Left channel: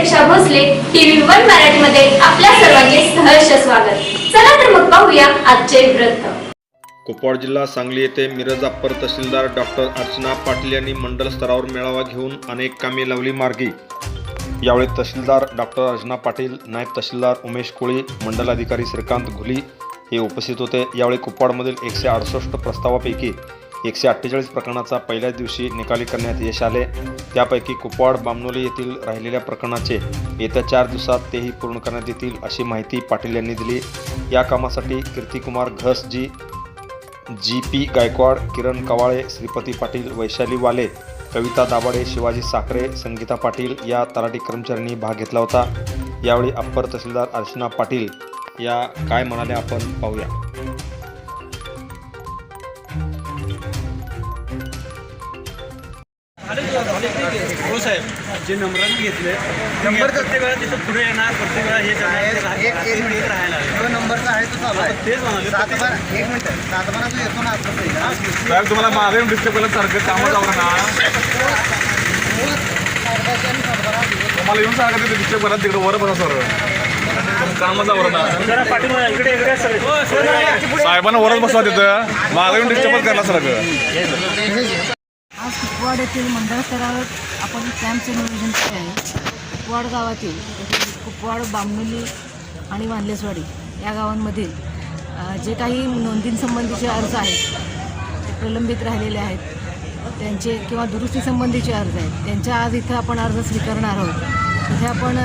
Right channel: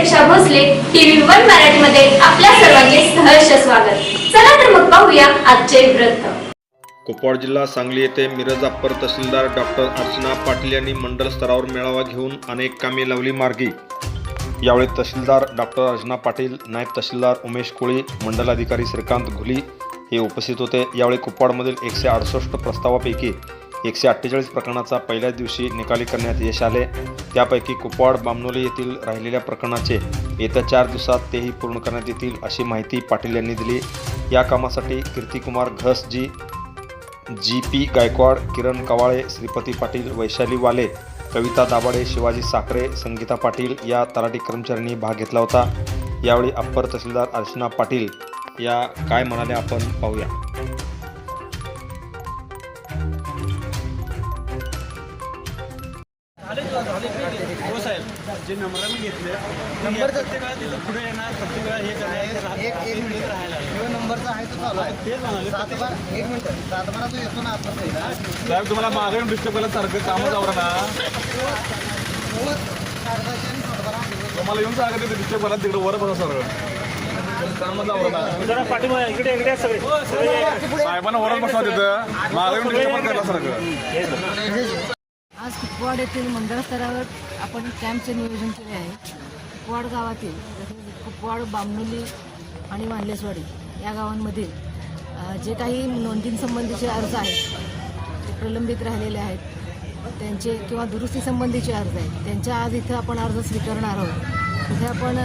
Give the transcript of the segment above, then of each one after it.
प्रतीक्षा Bhosale TV one मराठीमध्ये आपल्या सर्वांचे सहर्ष स्वागत. चला तर मग पाहूया आजचे व्रत कुपवाड जिल्हा सांगली येथे मिरज अप्पर तहसीलदार डॉक्टर अर्चना पाटील यांनी मंडळ स्तरावर मेळावा घेऊन अनेक कामे लावली मार्गी. यावेळी तहसीलदार डॉक्टर अर्चना पाटील नायब तहसीलदार उमेश कोळी मंडलाधिकारी श्रीकांत घुली हे उपस्थित होते. यावेळी कुपवाडमधील एकशे अडुसष्ट प्रस्तावापैकी एकशे अठ्ठेचाळीस प्रकरणाचा पहिल्याच दिवशी निकाली करण्यात यश आले. त्यापैकी कुपवाड बामनोली येथील राहिलेल्या प्रकरणाचे येत्या चार दिवसात तेही पूर्ण करण्यात येतील अशी माहिती पाटील यांनी दिली. या कामासाठी Kirtikumar Ghas G G P Gaikwad Kiran Kawale Shripati Patil Vaishali Wale Kavita Dabhade Shivaji Sakhare Sangeeta Patil या तलाठी कर्मचाऱ्यांनी भाग घेतला होता. यावेळी अप्पर तहसीलदार अर्चना पाटील या काय म्हणाल्या आपण पाहूया. हो साहेब. जे नंबराने घेतले नंबर प्रत्येक वेळा तिथं पुढे येणार प्रत्येक वेळा हे ते राहायला नंबरचा आहे तो तेच म्हणाले सात बारा एक मिनिट. सात बारा जो येतो ना साहेब तुम्हाला मागे येऊन डिस्टर्ब केलं सारखं कामच आवडा ना. तुम्हाला येऊन सारखं तिथे डिस्टर्ब करा तिकडे वर बसा सर. कामच आवडा ना इकडे इकडे साहेबांना वरच बसवा तिथं. मागे येऊन डिस्टर्बच करायला सारखं आज कुपवाड येथील मंडळ स्तरावर आपण कॅम्पचे नियोजन केले आहे. कुपवाड गावातील तसेच कुपवाड बामणुली आणि मानलेसवाडी या गावांमधील जे काही नोंदींसंबंधीचे अर्ज आहेत ते प्रलंबित राहिलेले आहेत त्यांचे किंवा दुरुस्तीसंबंधीचे अर्ज आहेत त्यांच्या आज इथं आपण अर्ज स्वीकारणार आहोत. इथे आपण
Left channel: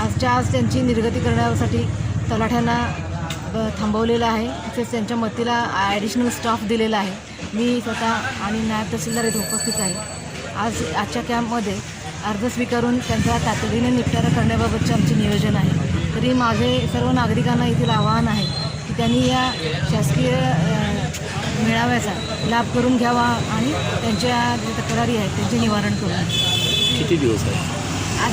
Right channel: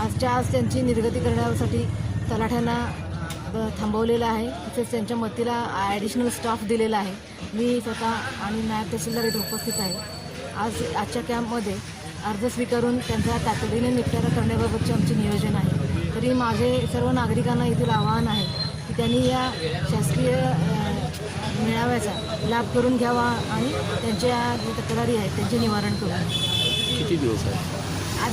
आजच्या आज त्यांची निर्गती करण्यासाठी तलाठ्यांना थांबवलेलं आहे. तसेच त्यांच्या मदतीला ॲडिशनल स्टाफ दिलेला आहे. मी स्वतः आणि नायब तहसीलदार इथे उपस्थित आहे. आज आजच्या कॅम्पमध्ये अर्ज स्वीकारून त्यांचा तातडीने निपटारा करण्याबाबतचे आमचे नियोजन आहे. तरी माझे सर्व नागरिकांना येथील आवाहन आहे की त्यांनी या शासकीय मेळाव्याचा लाभ करून घ्यावा आणि त्यांच्या ज्या तक्रारी आहेत त्यांचे निवारण करून किती दिवस? आज